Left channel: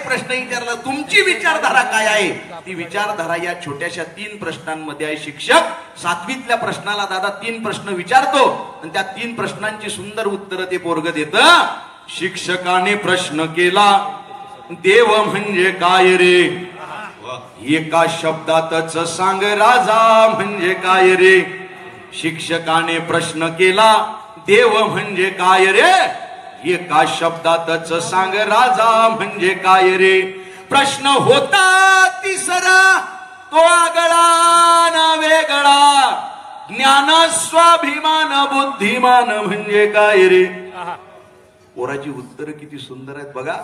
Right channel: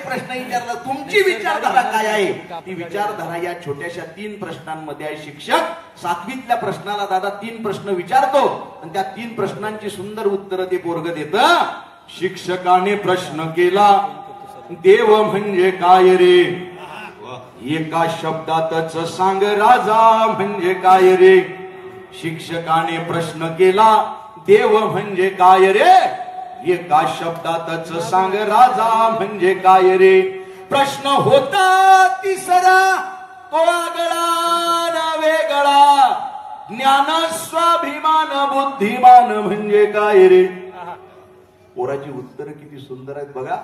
एक प्रश्न विचारला, तुमची विचारधारा काय आहे? ती विचारधारा या छोट्याशा 3 प्रश्नांमध्ये आहे. शिक्षक 7वीतल्या प्रश्नाला दादा 3 प्रश्न विचारतो आणि त्या 3 प्रश्नांची सुंदर उत्तर ते पोरग देतं. शिक्षकाने प्रश्न केला, देव म्हणजे काय रे? एका शब्दातच सांग राजा म्हणजे काय रे? शिक्षकाने प्रश्न केला, देव म्हणजे काय रे? एका शब्दातच सांग राजा म्हणजे काय रे? प्रश्न होता तिसरा तो आगळा ना वेगळा, ज्ञान स्वाभिमान बुद्धिमान म्हणजे काय रे? पोराची उत्तर किती सुंदर आहेत बघा.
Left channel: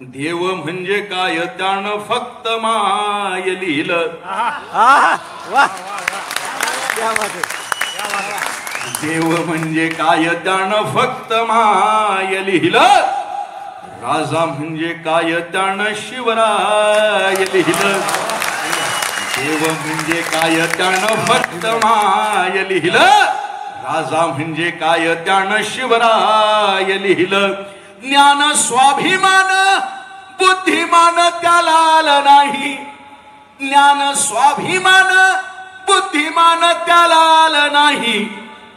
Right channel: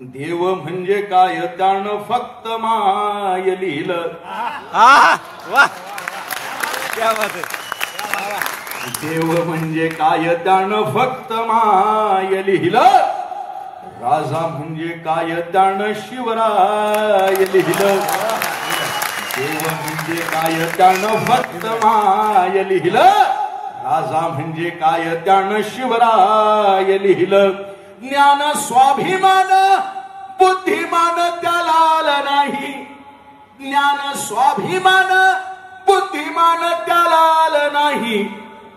देव म्हणजे काय त्यानं फक्त माय लिहिलं. देव म्हणजे काय त्यानं फक्त माय लिहिलं. राजा म्हणजे काय त्यानं शिवराय लिहिलं. देव म्हणजे काय त्यानं फक्त माय लिहिलं. राजा म्हणजे काय त्यानं शिवराय लिहिलं. ज्ञान स्वाभिमान बुद्धिमान त्याला आलं नाही. ज्ञान स्वाभिमान बुद्धिमान त्याला आलं नाही.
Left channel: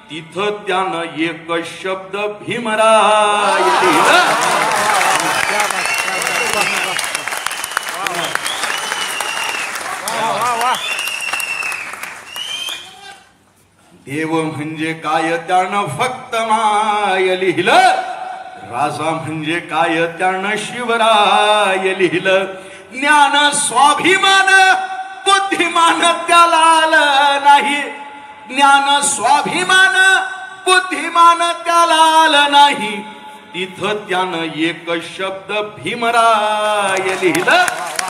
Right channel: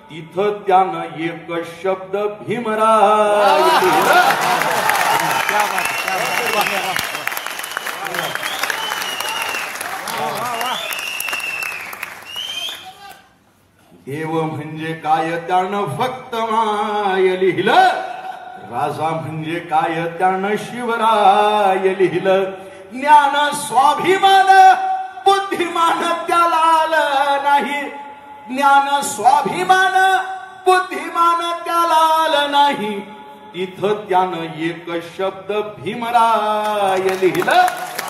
तिथं त्यानं एक शब्द भीमराय लिहिलं. देव म्हणजे काय त्यानं फक्त माय लिहिलं. राजा म्हणजे काय त्यानं शिवराय लिहिलं. ज्ञान स्वाभिमान बुद्धिमान त्याला आलं नाही. ज्ञान स्वाभिमान बुद्धिमान त्याला आलं नाही. तिथं त्यानं एक शब्द भीमराय लिहिलं.